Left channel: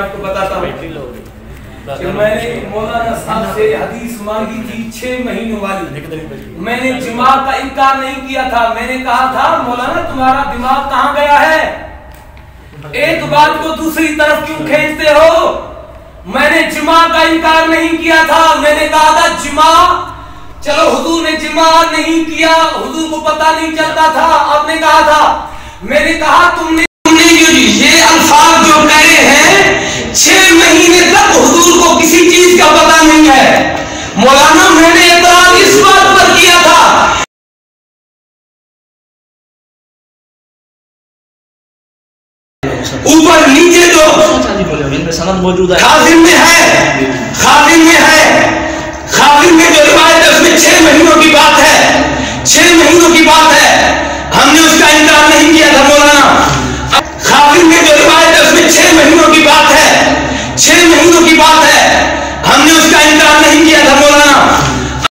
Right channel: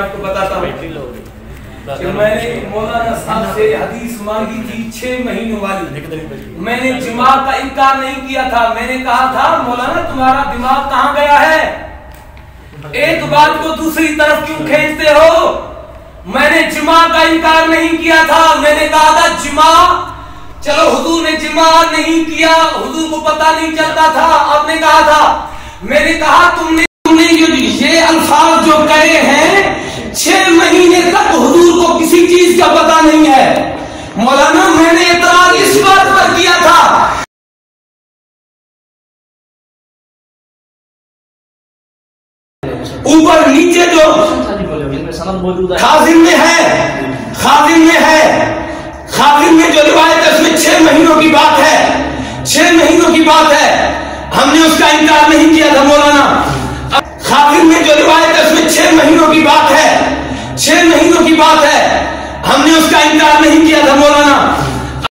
آپ کو بتاتا ہوں کہ میں نے مولانا صاحب سے حدیث مانگی تھی 6 مہینوں والی. میں نے جماع کا انکار نہیں کیا تھا. میں نے کہا تھا مولانا تمہارا دماغ کہاں گیا ہے, ایک بات کو دوسری طرف کیوں کھینچتے ہو. میں نے جماع کا انکار نہیں کیا تھا. میں نے کہا تھا جماع, چلو حضور نے جماع نہیں کیا, حضور کو پتہ نہیں چلتا تھا. آپ نے کہا تھا, میں نے کہا تم نے یہ الفاظ جو کہے ہیں 6 مہینے تک حضور کو کسی چیز کا پتہ نہیں ہے. مولانا میں نے اعتراض اس بات پر کیا تھا اوپر نیچے جو خازن میں ہے, خازن میں جو روایت ہے اس میں 6 مہینوں کی بات ہے, 6 مہینوں کی بات ہے. ہم نے اس کا انکار نہیں کیا تھا مولانا. خازن میں جو روایت ہے اس میں 6 مہینوں کی بات ہے, 6 مہینوں کی بات ہے. ہم نے اس کا انکار نہیں کیا تھا مولانا.